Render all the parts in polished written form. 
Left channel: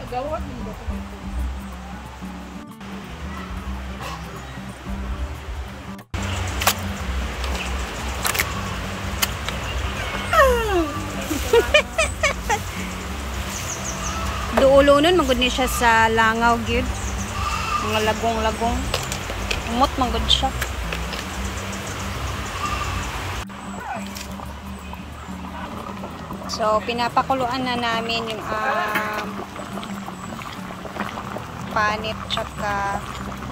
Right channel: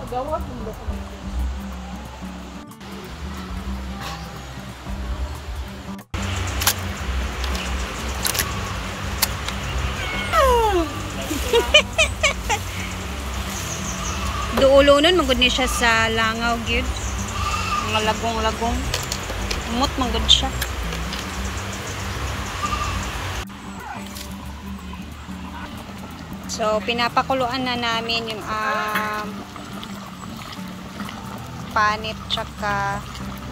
Agawat ng dokument. Duulo nun, magod niya siya sa langaw, gid. Mga lagong-lagong. Umot, magod siya. So, pinapakuluan na namin yung panit tsaka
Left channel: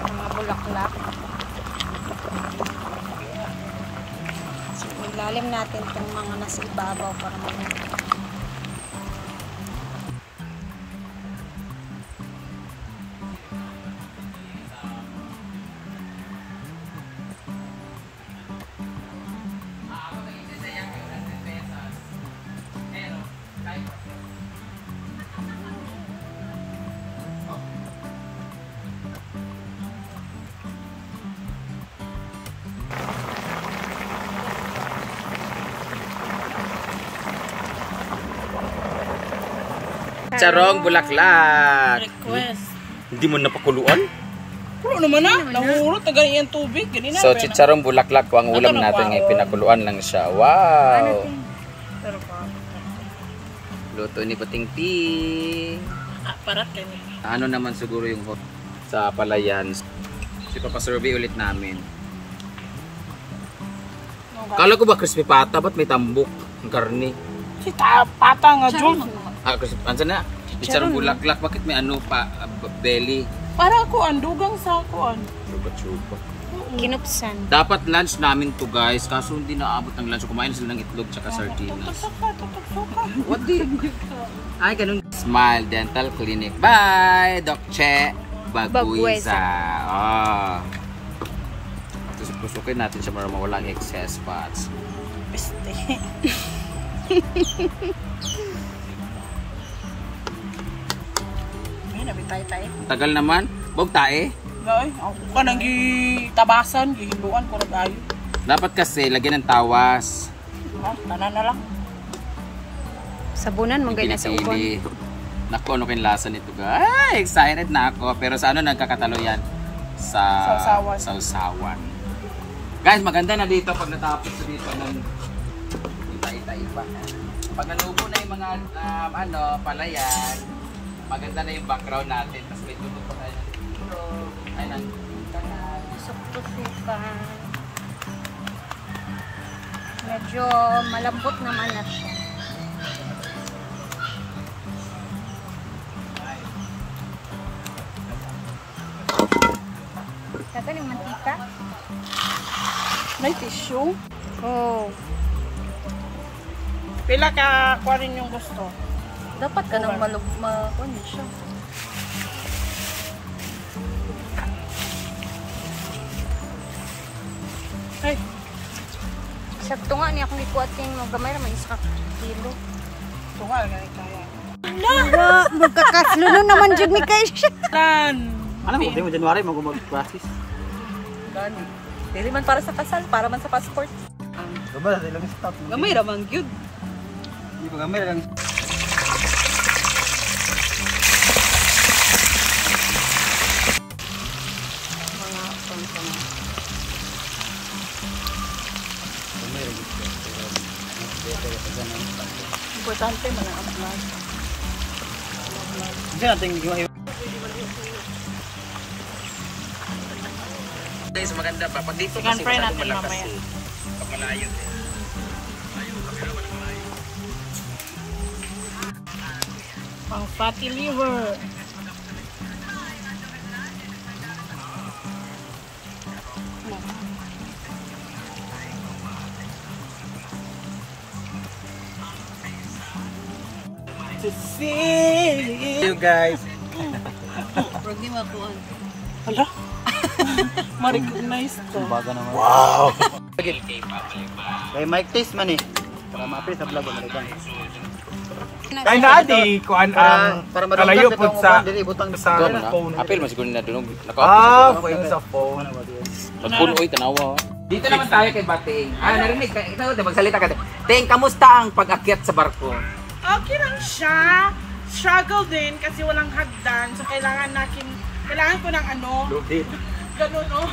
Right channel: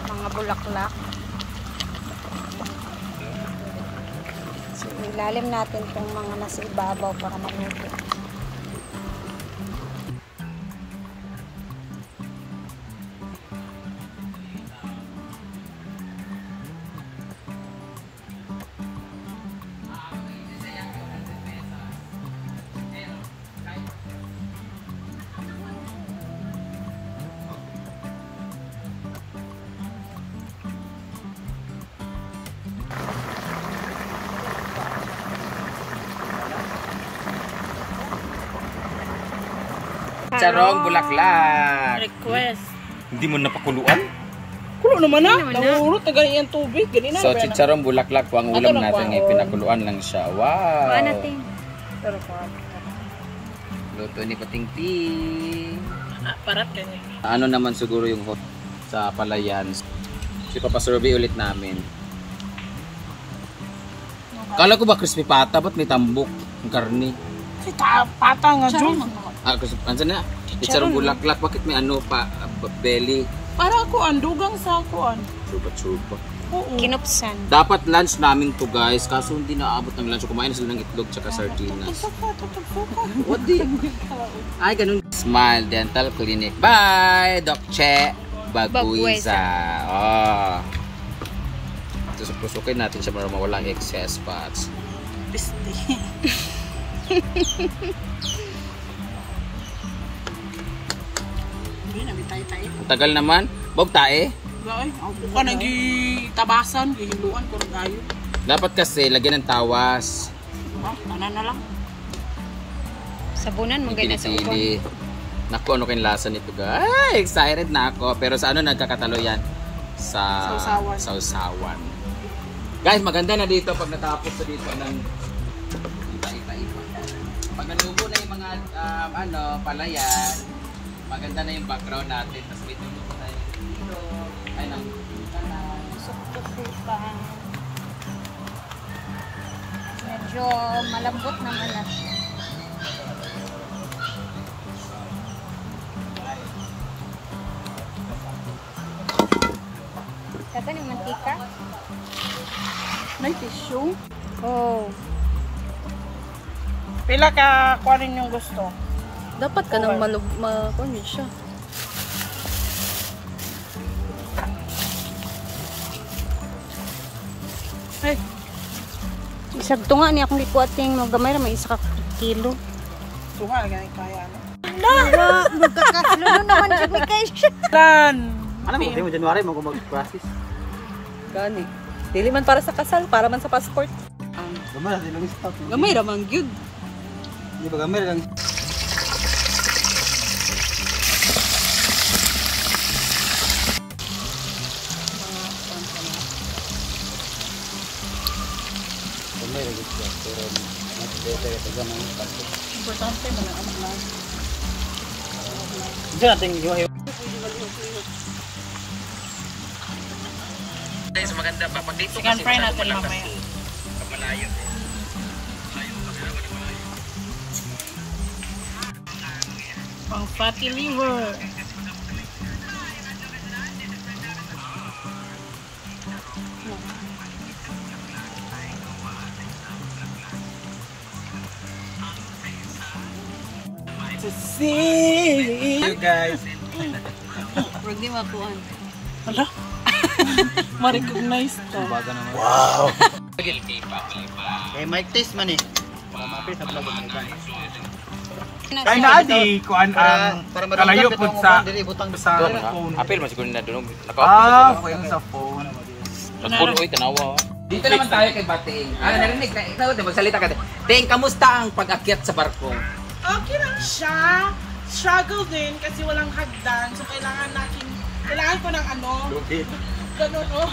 mga bulaklak. So, ilalim natin itong mga nasa ibabaw para maluto. Charong bulaklak. Request. Hindi mo napakuluan? Kulo naman na. Nahurot na ganyan tubig. Ganina. So, chicharong bulaklak ko ang ulam natin ngayon. Pinakuluan lang siya. Wow! Ano natin? Pero pa. Luto ni Pating-ting. Parat ka niya. Ano naman siguro yung hot sa palayan. Ipapasurvey ulit namin. Kala ko ba crispy pata? Ba't may tambok? Ang karne. Si pata nga dyan. Ansa na? Chicharong bulaklak. Bakit may ano pa? Belly. Para ako dugang sa kuan. Suba-suba. Kinupsan. Dapat lunch namin to guys. Kaso hindi naabot ng lunch. Kumain sila ng itlog tsaka sardinas. What the? Ay, ganun. Smile Dental Clinic. Bye! Doc Che Baguiza. Oh. Pusukin natin siya para mawalang excess fats. Tagal naman. Bog tae. Ay, ako ka nang gitabasan, gihinduan ko rin ayo. Dapat kasi lagyan ng tawas. Tanan na lang. Sabunan mo ganyan sa ukon. Naku, ano kayong lasa nito guys? Ay, excited na ako. Pero sa ano nagkakatalo yan? Sa sausawan. Guys, maganda na dito pag natapos sa dito ng ita-ipa. Pag nalubo na yung mga palayan, maganda na yung background natin. Tapos may tulog pa tayo ng ilog, ay ng kanan. Suk-tusukan. Medyo malambot naman na siya. Saka yung mantika. May tissue. Oh. Pila ka kuwanin yung gusto? Dapat ka nang makunit siya. Ay. Isag to nga niya kung ikuating magamay na may isa ka kilo. Tunga, ganit kaya. Nawa, magkakasluno naman dyan ni Kaisha. Ano mo, hindi mo January mo mag-practice? Gani. Dili man para sa kasal, para man sa passport. Gamay lang yung stop. Gamay raman gyud. Di ba gamay lang? Importante mo na ang vlog. Hindi natin gawin. Maganda pa pag dito Chicken fry natin mamaya. Pang fatty liver. To see you guys. Wag di makuan. Hala. Ma-recognize ko. Wow. Kay Mike taste man eh. Para mapis sa vlog mo ba? Kaya na adi ko ang kalayo po sa phone. Apil mas na doon. Yung sa phone. Nagpuno oy tanawa. Dito naman tayo kay Bating. Narinig ka ikaw magsalita ka. Ting, kamusta ang pag-akyat sa barko? Okay lang siya. Struggle din kasi walang hagdan. So kailangan ko ng ano. Ganun, oh.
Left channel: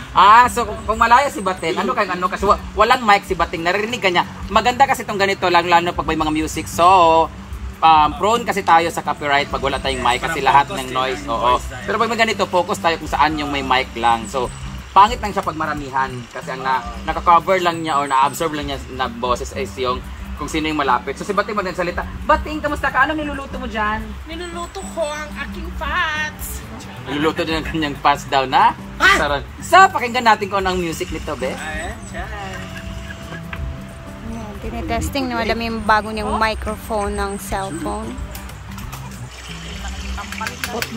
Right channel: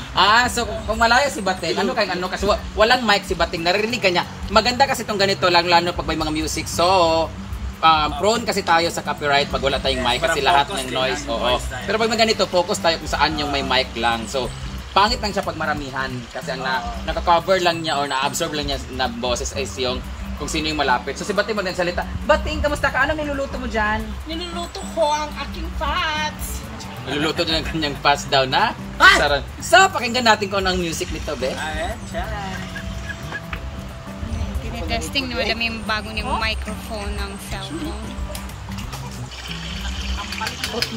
So kung malaya si Bating, kasi walang mic si Bating, naririnig ka niya. Maganda kasi itong ganito, lalo pag may mga music. So, prone kasi tayo sa copyright pag wala tayong mic kasi lahat ng noise, oo. Pero pag may ganito, focus tayo kung saan yung may mic lang. So, pangit lang siya pag maramihan kasi ang naka-cover lang niya or na-absorb lang niya na boses is yung kung sino yung malapit. So si Bating magsalita, Bating, kamusta ka? Anong niluluto mo dyan? Niluluto ko ang aking fats. Niluluto din ang kanyang fats daw na? Sarap. So, pakinggan natin kung anong music nito, be. Tinetesting na madami yung bago niyang microphone ng cellphone.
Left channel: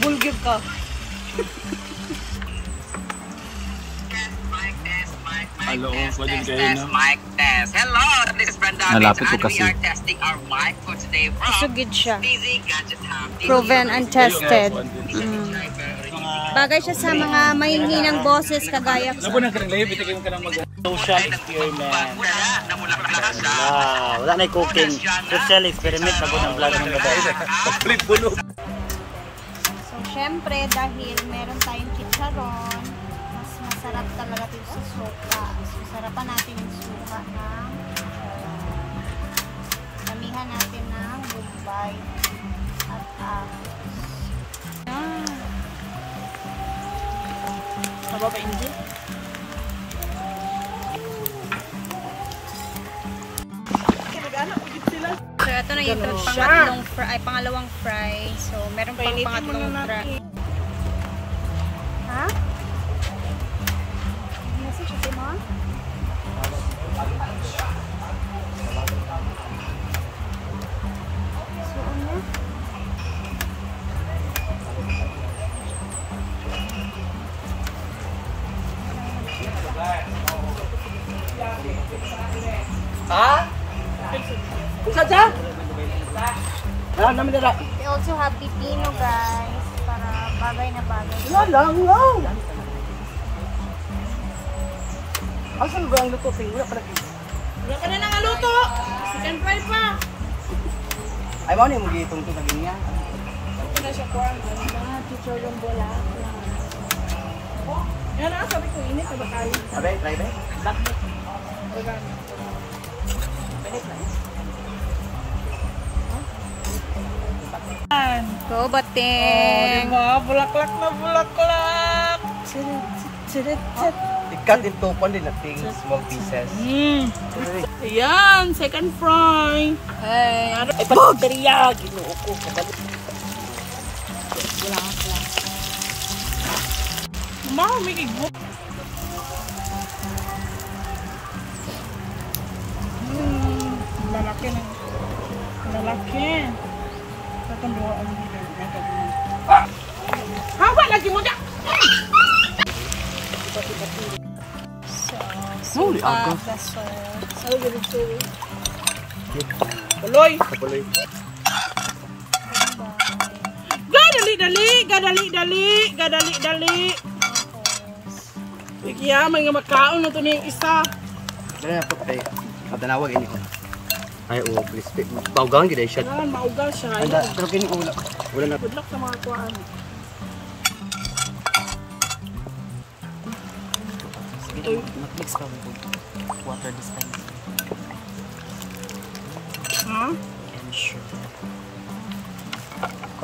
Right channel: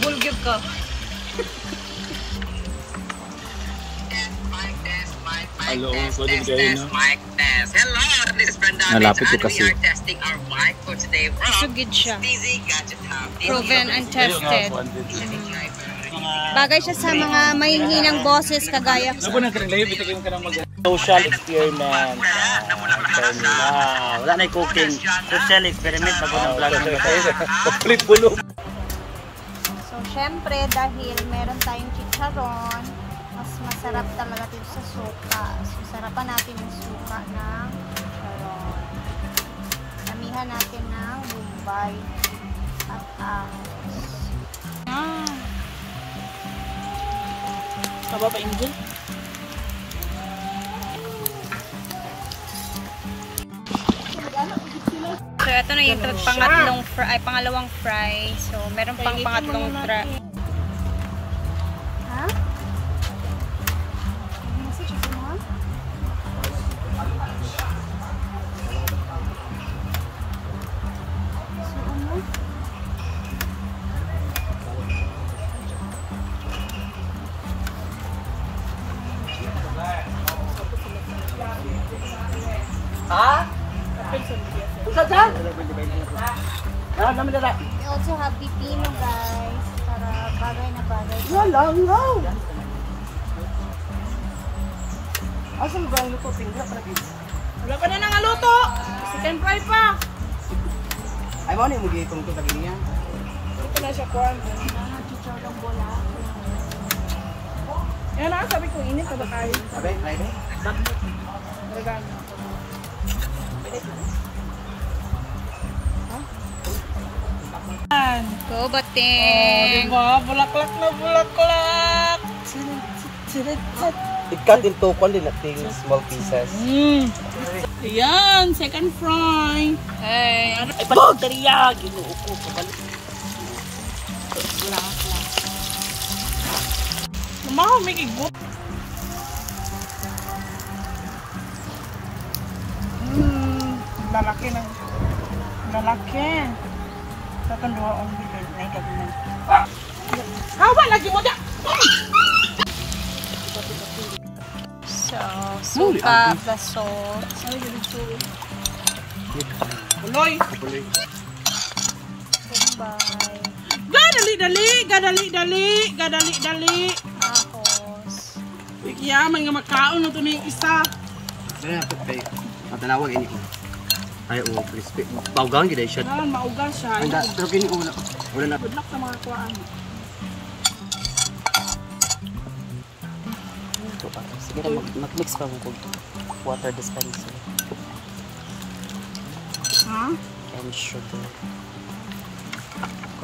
Bulgib ka. Hello, mic test. Hello, this is Brenda Mitch and we are testing our mic for today from Sugid siya. Easy Gadget Hub. Proven and tested. Bagay siya sa mga mahihinang boses kagaya ko. Social experiment. Wala na cooking. Social experiment na flip bulog. So, syempre, dahil meron tayong chicharon, mas masarap talaga dito sa suka. So, sarapan natin yung suka ng chicharon. Damihan natin ng bombay at ahos. Taba pa engine? So, ito na yung pangalawang fry. So, meron pang pangatlong fry. Ha? Nasi chicken mo? Suon niya? We also have pipino, guys, para bagay na bagay. Wala Asan ba yung luto? Wala pa na nangaluto. Chicken fry pa. Ay, mo na yung magigitong ito sa ganyan. Ito na siya kuhan. Mga chicholong bola. Yan na, sabi ko, ini ka ba tayo? Sabi, try. Bakit? Maragami. Go, Bating! Diba? Bulaklak na bulaklak! I-cut into small pieces. Ayan, second fry. Hey! Baterya! Mamaw, may kigbuk. Lalaki. Tatanduan ang bilin. Ay, gagawin. Hawa, lagi mo dyan! So, suka, gasol. Ay, gawin so. Baloy! Gadali! Tapos, Kaya, mga makaon na ito na yung isa. Wala na ito kay madanawag ini ko. Ay, respect. Baugang gila siya. Kailangan mauga siya. Pero kini wala. Wala na. Good luck sa mga kuhaan. Siguro mag-mix pa mo water dispenser. And sugar.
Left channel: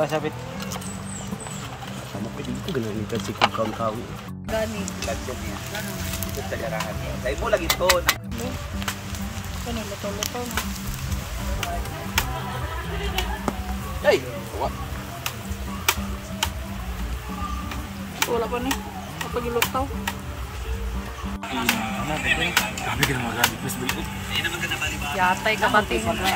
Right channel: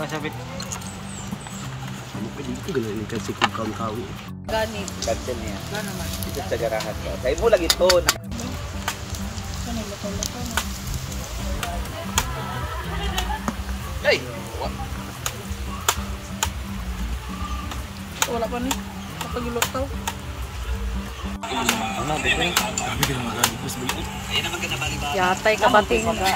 Masabit. Ito din kasi kung kauntawi. ganit. Lagyan niya. Ito sa garahan ko. Kaya mo lang ito. Ito na, luto-luto na. Ay! Wala pa ni. Kapag iluto. Ano, dito? Grabe ka naman grabe. Please, bilikot. Yatay ka Bating. Ano ba?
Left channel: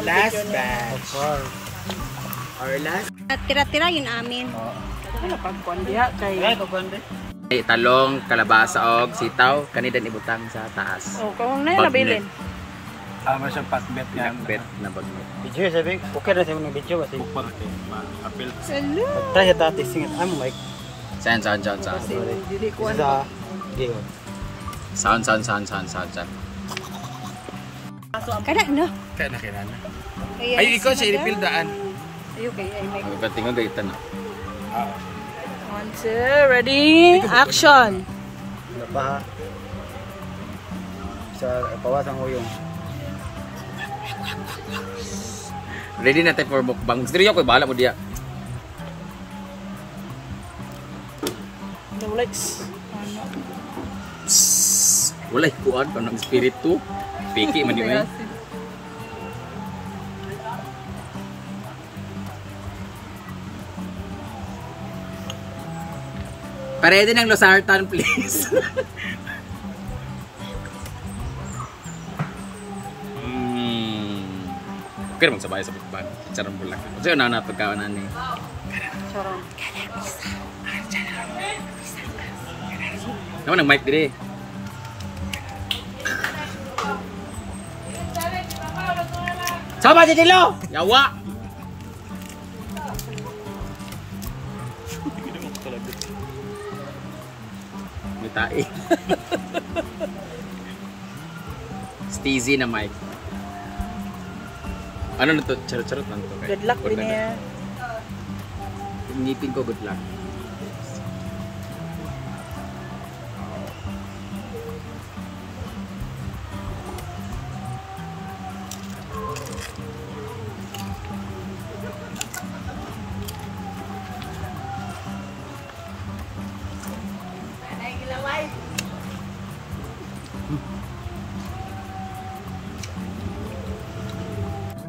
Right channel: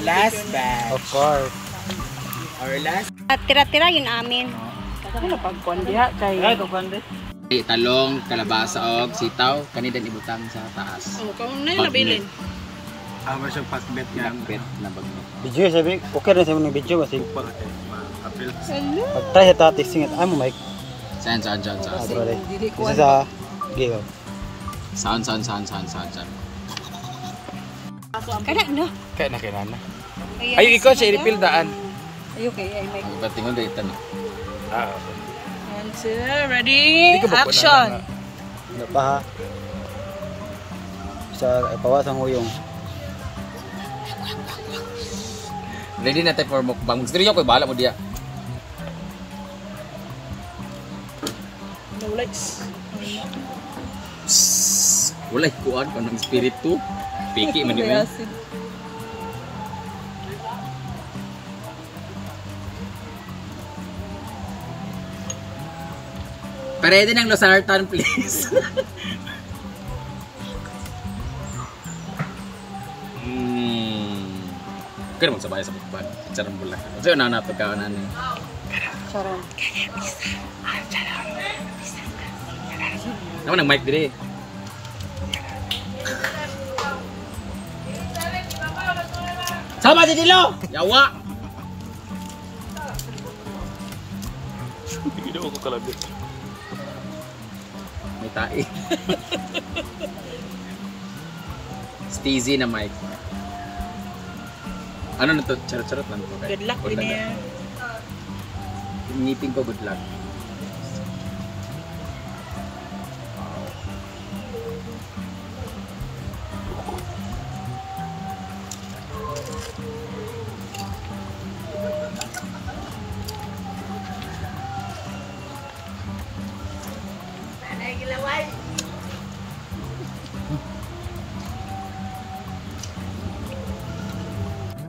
Last batch. Of course. Our last. At tira-tira yun amin. Ano pagkondiha kay... Talong, kalabasa og sitaw, kanidan ibutang sa taas. Oh, kung na yun nabilin. Mas ang patbet niya. Pinakbet na bagnet. Video sabi, okay rin sa mga video kasi. Hello! Tayo tati singit. I'm like. Saan? Isa sa giga. Sound. Kada na. Kaya na. Kaya Ay, ikaw siya i-refill daan. Ayun kay ay make. Ang patingon gaitan na. One, two, ready, action! Baha. Sa kawasan mo yung Ready na tayo for mukbang. Gusto rin ako, bahala mo diya. Let's. Walay kuan pa ng espiritu. Piki man di mo. Ready ng losartan, please. Okay naman sabay sa bukban. Charang bulak. Kasi una na pagkaanan ni. Naman ang mic diri. Sama di dilo. Yawa. Hindi mo ko kalabit. May tae. Steezy na mic. Ano na to? Charot-charot lang to. Good luck din yan. Ngipin ko good luck.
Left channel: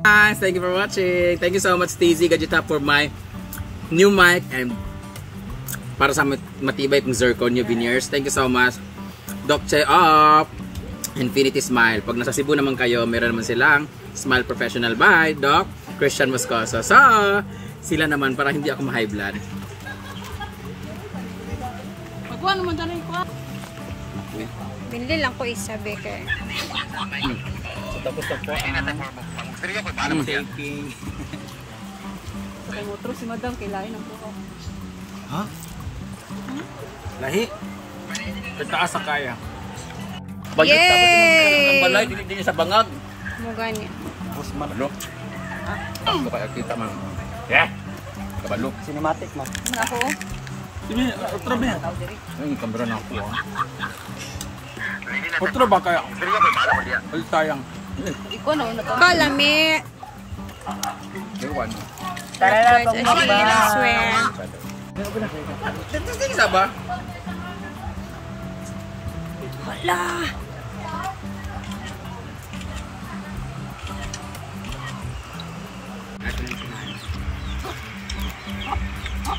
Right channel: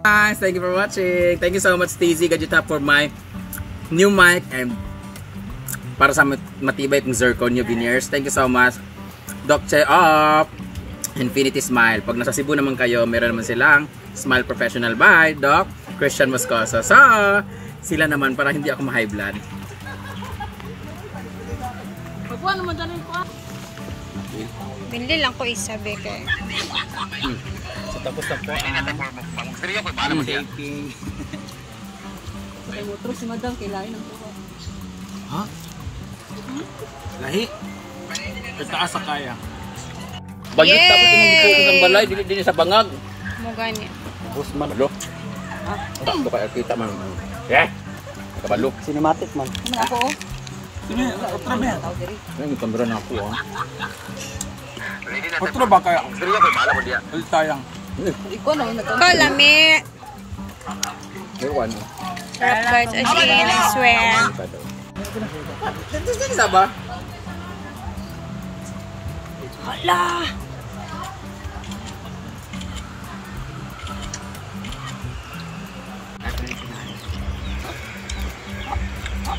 Guys, thank you for watching. Thank you so much, Steezy Gadgetap, for my new mic and para sa matibay kong zirconia veneers. Thank you so much, Doc Che of Infinity Smile. Pag nasa Cebu naman kayo, meron naman silang Smile Professional by Doc Christian Moscoso. So, sila naman para hindi ako ma-high blood. Pagbuhan naman dyan yung kuwan. Binili lang ko isa, Beke. So, tapos na po ang taking. Kay motro si Madam kailain ang buko. Ha? Lahi? Pagtaas sa kaya. Bagay tapos yung balay, dili sa bangag. Mugani. Kabalo. Ito kaya kita mo. Yeah. Kabalo. cinematic man. Ako. Sino? Otro ba? Yung kamera na ako yan. Otro ba kaya? Ulit sayang. Iko na yun na to. Kalami. Ewan. Sarap guys, as in, I swear. Dito sa ba? Hala!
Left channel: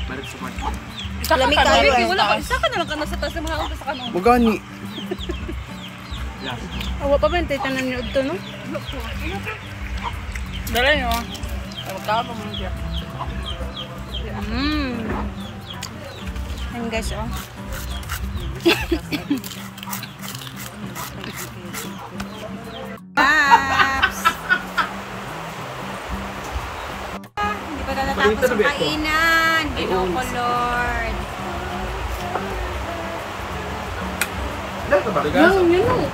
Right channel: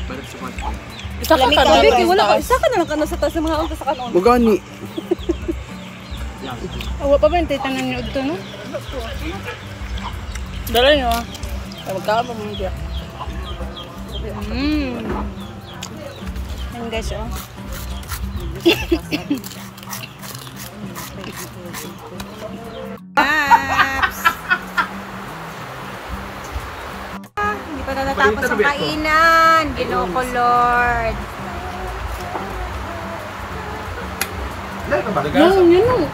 Balik sa kwarto. Kalami kayo eh. Wala ka. Saka na lang ka sa taas yung mga unta sa kanon. Magani. Awa pa ba yung titanan niyo ito, no? Dala nyo. Talagkaan pa mo dyan. Ayan guys, oh. Taps! Hindi pa natatapos ang kainan. Ginoko Lord. Yun.